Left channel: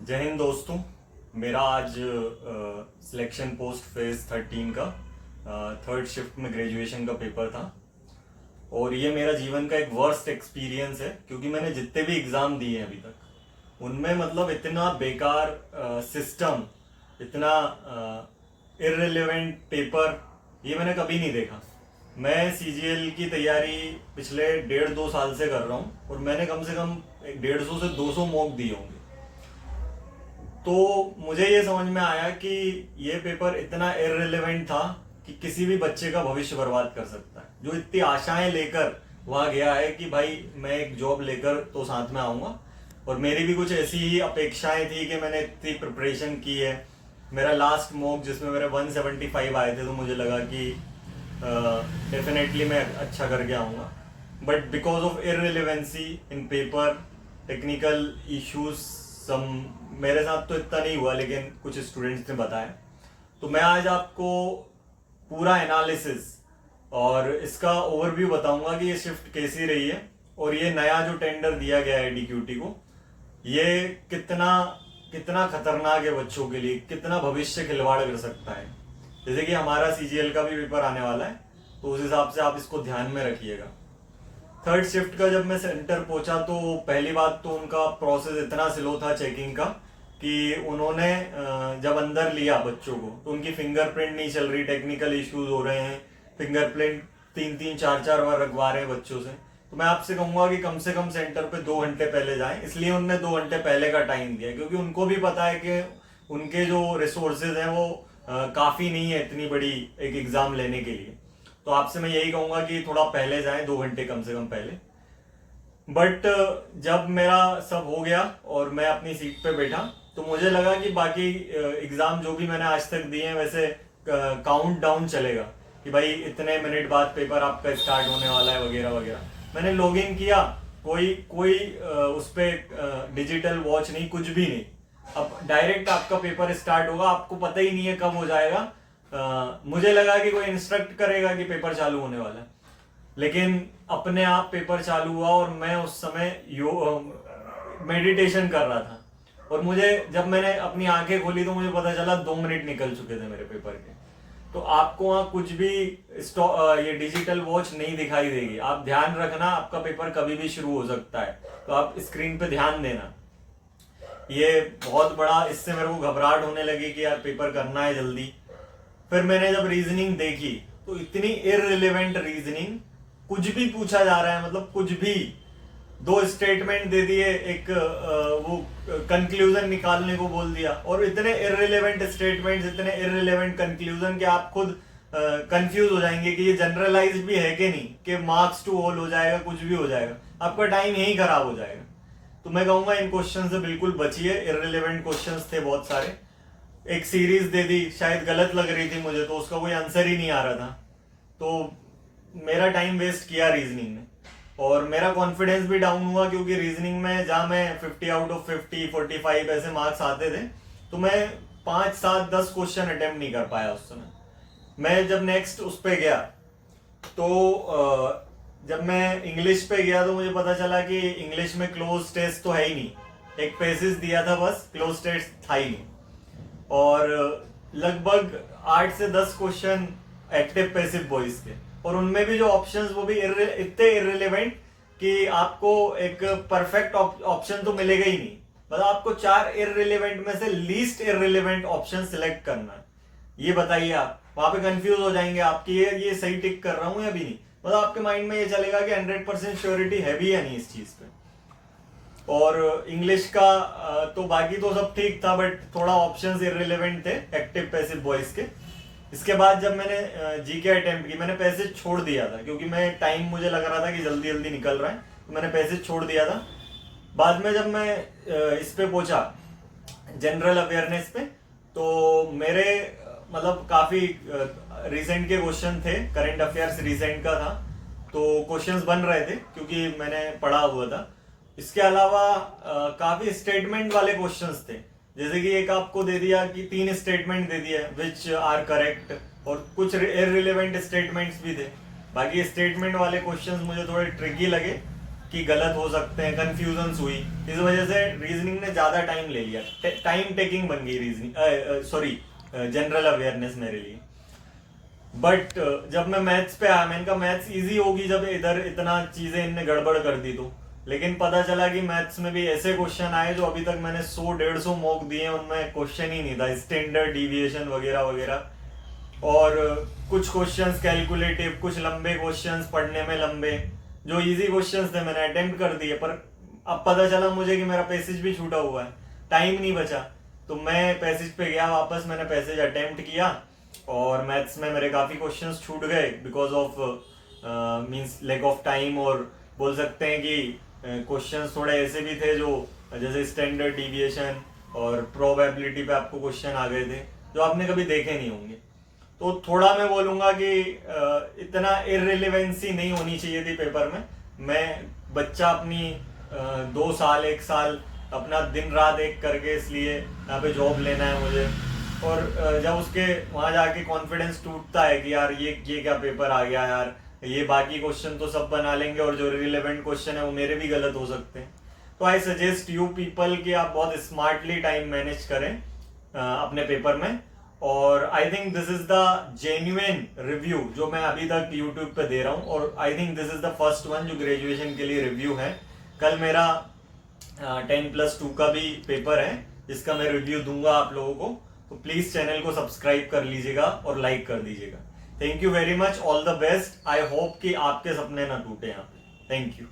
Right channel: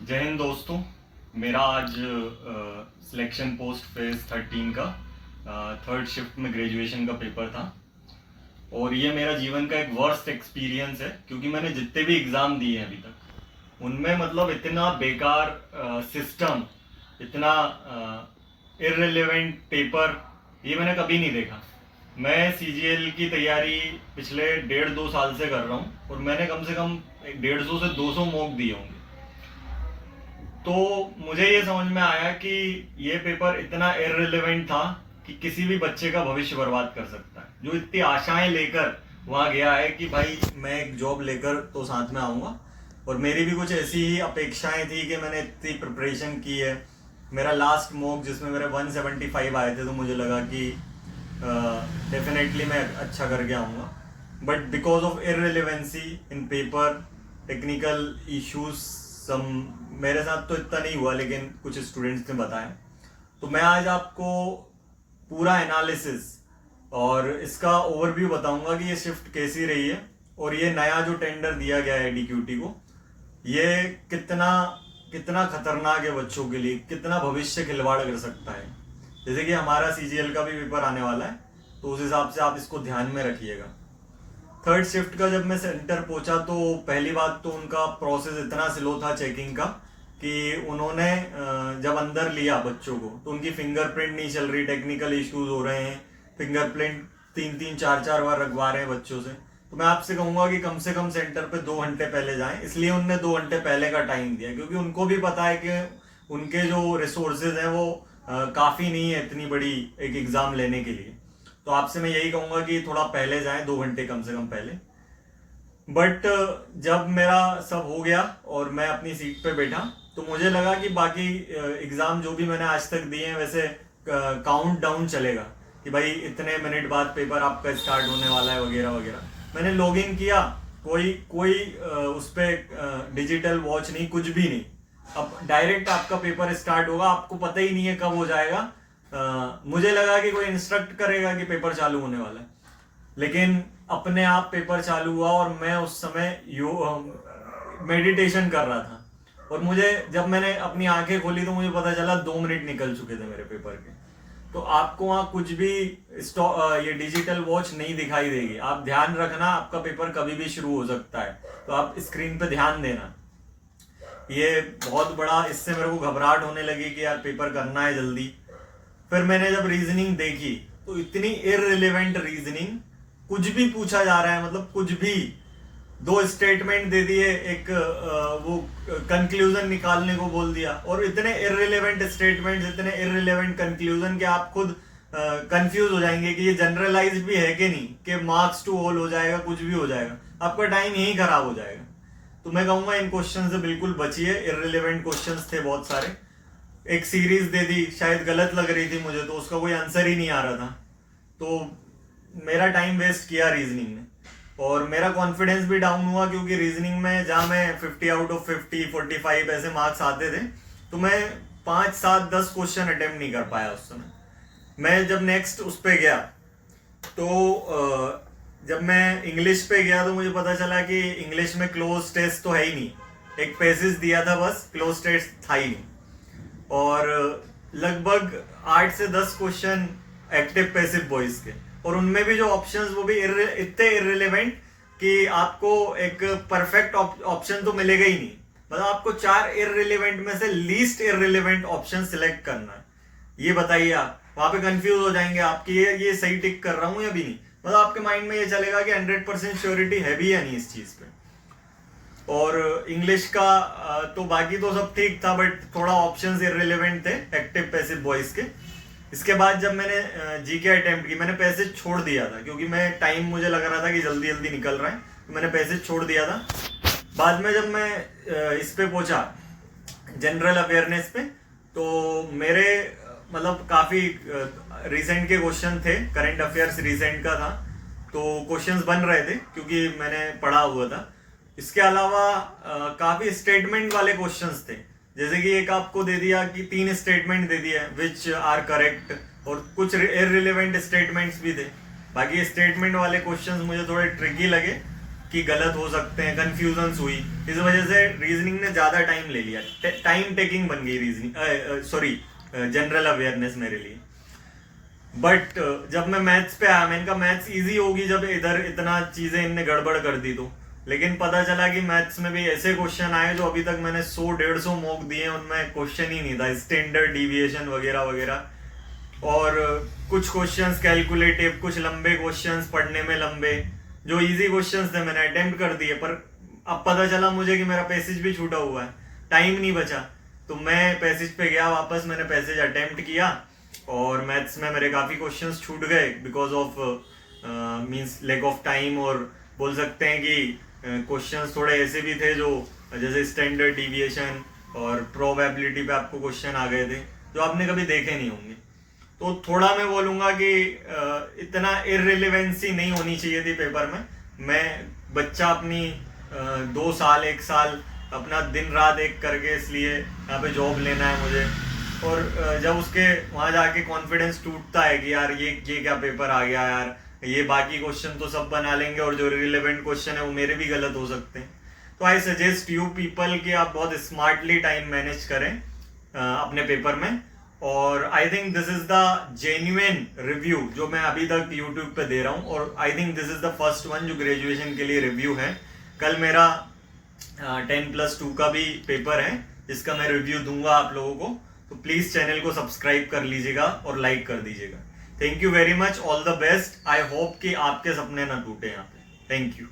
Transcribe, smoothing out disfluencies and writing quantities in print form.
जय हिंद दोस्तों। मेरा आज सिलेक्शन पोस्ट फेज 13 का थर्ड शिफ्ट में ग्रेजुएशन का पेपर था। और ये मेरा जीवन का एक वर्स्ट एक्सपीरियंस है, क्योंकि मैंने जितने भी एग्ज़ाम दिए हैं अभी तक उनमें मतलब इतना बेकार सिस्टम, इतना इररिलेवेंट पेपर ये मैंने कभी नहीं देखा। मैं सीजीएल की तैयारी पिछले 1.5-2 साल से कर रहा हूँ और मैंने कम से कम 150 से 200 मॉक दिए होंगे। तो मुझे ये समझ में आया कि ये पेपर इतना इररिलेवेंट था कि किसी भी बच्चे का भविष्य बर्बाद कर सकता है, जो इतनी आशाएं लेकर वहाँ गया है कि भाई मैं एक जॉब लेकर तो साथ में आऊँगा। और मेरी भी कुछ ऐसी ही अपेक्षाएं थी कि मैंने इतनी प्रिपरेशन की है। मेरा लास्ट मॉक जिसमें मेरे 175 आए थे, तो मुझे लगा कि डेफिनेटली मैं अच्छा करके आऊँगा। But because of irrelevancy in paper, technical issues some, मेरे साथ तो इतना नहीं हुआ लेकिन कुछ स्टूडेंट्स ने बताया। तो मैं आज आपको पूरा एनालिसिस और इसका ओवरव्यू बताऊंगा कि ये शिफ्ट कैसी रही है और ये नया जो टेंडर दिया गया है डीक्यूटी को, ये कितना कितना खतरनाक है बच्चों के लिए, कितना भविष्य खिलवाड़ कर सकता है। जैसे कि हमारा सीजीएल का भी पेपर आने वाला है, तो उस हिसाब से आप इसको ध्यान में रखिएगा। थर्ड शिफ्ट का जब मैं सेंटर पहुंचा तो पहली बात तो उनका प्रोसेस इतना स्लो था चेकिंग का कि उन्होंने जब अंदर लिया बच्चों को तो उनकी फिंगरप्रिंट नहीं चल रही, टेक्निकल इश्यूज हो रहे हैं, फिंगरप्रिंट 3-3 4-4 बार रखवा रहे हैं बच्चों से। तो मैं आपसे कहूंगा कि कम से कम सेंटर पे 2 घंटे पहले जाएं। इसलिए उनने 2 घंटे पहले का टाइम दिया क्योंकि उनको भी पता है कि उनके जो रिसोर्सेज हैं वो काफी नहीं है इतनी बड़ी एक एग्जाम लेने के लिए। तो आपसे मैं यही कहूंगा कि थोड़ा पहले जाएं, 2 घंटे कम से कम पहले। बट जब मेरा सब हो गया और मैं अपनी सीट पे बैठा तो मुझे लगा कि बाकी एग्जाम जो भी मैंने आज तक दिए हैं वैसे काउंट डाउन चलेगा कि भाई इतने मिनट बाद पेपर आपका स्टार्ट होने वाला है वगैरह वगैरह। मैंने लॉग इन किया, कोई कोई उस पर डिजिटल वॉच नहीं, कुछ भी नहीं। अब डायरेक्ट आपका पेपर स्टार्ट होगा, आपको पता ही नहीं है कब हो जाएगा। मुझे लगा कि कोई इंस्ट्रक्ट करेगा कि पेपर चालू होने वाला है, लेकिन अपने आप पेपर चालू हुआ और मैं उस समय मेडिटेशन कर रहा था। और मुझे जब मैंने अपनी आंखें खोली तो मुझे पता चला 2 मिनट निकल चुके थे मेरे पेपर के। तो आपको वहां कुछ भी ये डिजिटल वॉच नहीं दिखाई देगी। आप ध्यान रखना, आपका पेपर कभी भी शुरू हो सकता है, तो आप स्क्रीन पे ध्यान देना। ये बहुत बड़ा, इससे मेरे को घबराहट होने लगी कि यार पेपर करना है जल्दी। फिर मैंने जब रीजनिंग देखी तो इतनी इररिलेवेंट रीजनिंग, कुछ भी पूछा जा रहा है, मतलब कुछ भी। 2 स्टेटमेंट दे दिए, एक वो कंक्लूजन निकालने को बोल दिया, और इतने इररिलेवेंट स्टेटमेंट्स, इतने इररिलेवेंट कंक्लूजन कि आप खुद कंफ्यूज हो जाएंगे कि ये जनरलाइज भी है कि नहीं, कि मार्क्स टू ऑल हो जाएगा, कुछ भी हो जाएगा, आपका टाइम यही खराब हो जाएगा। तो मैं कहूंगा इन क्वेश्चन से बिल्कुल बचिए, इररिलेवेंट क्वेश्चंस थे बहुत सारे। एक सीरीज दे दी, शायद गलत लग रही थी मुझे, तो उसका कोई आंसर ही नहीं आ रहा था। तो मेरा टाइम वेस्ट किया रीजनिंग में, और मेरा कॉन्फिडेंस भी डाउन हुआ क्योंकि रीजनिंग में जहां मैं 50 आउट ऑफ 50, 45 ऐसे मार्क्स आते थे, तो मैं 5-7-10 क्वेश्चन अटेम्प्ट नहीं कर पाया उस समय। मैं जब नेक्स्ट उस पर गया तो जब मैं इंग्लिश पे गया तो मुझे पता चला कि इंग्लिश में क्लोज टेस्ट तो है ही नहीं। एक पेसेज दिया था बस, क्लोज टेस्ट था ही नहीं। और लगभग 8 से 10 क्वेश्चन एक्टिव पैसिव वॉइस के, और उनमें भी जो ऑप्शंस वो भी इतने इररिलेवेंट कि आपको एक परफेक्ट ऑप्शन तो मिलेगा ही नहीं। मतलब आपको 4 इररिलेवेंट में से लीस्ट इररिलेवेंट ऑप्शन सिलेक्ट करना है। ये बताइए, आप वहां पे कंफ्यूज हो जाएंगे आपकी, ये सही टिक कर रहा हूं या भी नहीं। मतलब आपके माइंड में ये चलेगा कि 100% श्योरिटी है भी या नहीं इस चीज पे। और इंग्लिश का तो बाकी तो सब ठीक था, बट थोड़ा ऑप्शंस इररिलेवेंट थे एक्टिव पैसिव वॉइस के। इसके बाद जब मैंने जीके अटेम्प्ट की, मैंने पैसेज छोड़ दिया था क्योंकि मैं टाइम मुझे लग रहा था कि जल्दी जल्दी निकल रहा है, तो मैंने पैसेज छोड़ दिया था। बाद में जब मैं इस पे पहुंचा, जनरल अवेयरनेस पे, तो मेरे मतलब काफी रिसेंट के क्वेश्चन थे, करंट अफेयर्स रिसेंट का था, तो क्वेश्चंस बन रहे थे क्योंकि मैंने पढ़ा हुआ था। इसके अलावा काफी स्टेटमेंट वाले क्वेश्चंस थे, जैसे कि एक आपको दे दिया कि 3 स्टेटमेंट दे दिया विच आर करेक्ट, और कुछ इररिलेवेंट स्टेटमेंट्स भी थे। बाकी स्टेटमेंट वाले क्वेश्चंस मुझे थोड़े ट्रिकी लगे, कि गलत हो सकते हैं, कंफ्यूजन्स हुई, इस वजह से रीजनिंग ने ज़्यादा टाइम ले लिया, टाइम टेकिंग बन गई रीजनिंग, सॉरी जनरल अवेयरनेस मेरे लिए। बट जब मैं मैथ्स पे आया, मैंने कहा मैथ्स इजी होगी जब इधर इतना चीज़ें इनने गड़बड़ कर दी तो। लेकिन पता चला कि मैथ्स में भी ऐसे क्वेश्चन आए जो अभी तक मैंने 100-150 मॉक दिए, उनमें क्वेश्चन ही नहीं था, स्टैंडर्ड डिविएशन वगैरह वगैरह। और कुछ क्वेश्चंस कैलकुलेटिव, कुछ लंबे क्वेश्चंस पढ़ने में लंबे, जो इजी क्वेश्चंस थे मैंने अटेम्प्ट कर दिए, पर अब पता चला मुझे कि मेरा पैसेज भी छूटा हुआ है, टाइम नहीं बचा। तो मैं पैसेज पे गया वापस, मैंने पैसेज अटेम्प्ट किया, और मैथ्स में मेरे काफ़ी क्वेश्चंस छूट गए because of means lack of time, और बोल सकते हैं कि क्वेश्चंस थोड़े ऐसे भी थे जो जैसे स्टैंडर्ड डिविएशन और प्रोबेबिलिटी पे आपको क्वेश्चन आ गए थे जो आपने कभी देखे नहीं होंगे। तो थोड़ा मैं बोलूँगा कि इतना इररिलेवेंसी नहीं होनी चाहिए थी पेपर में। मैं बच्चा अपनी 2 साल 1 साल अपना दिन रात एक करके इसलिए यहाँ पे जॉब लेना है मुझे, और जब उसके वहाँ जाके कॉन्फिडेंस टूटता है कि यार ये क्या पेपर आ गया यार, ये बाकी क्वेश्चन तो सब बना लेंगे और जो रिलेवेंट क्वेश्चन है वो मेरे भी गलत हो सकते हैं। तो आई सजेस्ट यू पीपल कि आप बहुत स्मार्टली टाइम मैनेज करें अपने पेपर में। और I think this is the genuine review जो मैं अभी तक यूट्यूब पे दे रहा हूँ, और I think this is the first one जो ग्रेजुएशन के लिए रिव्यू है। कल मेरा 10+2 का भी पेपर है जिसका मैं रिव्यू दूंगा आप लोगों को, तो प्लीज चैनल को सब्सक्राइब कर लीजिएगा और लाइक कर दीजिएगा। Thank you very much, all the best. I hope कि आपके सपने ना टूटे यहाँ पे। Thank you.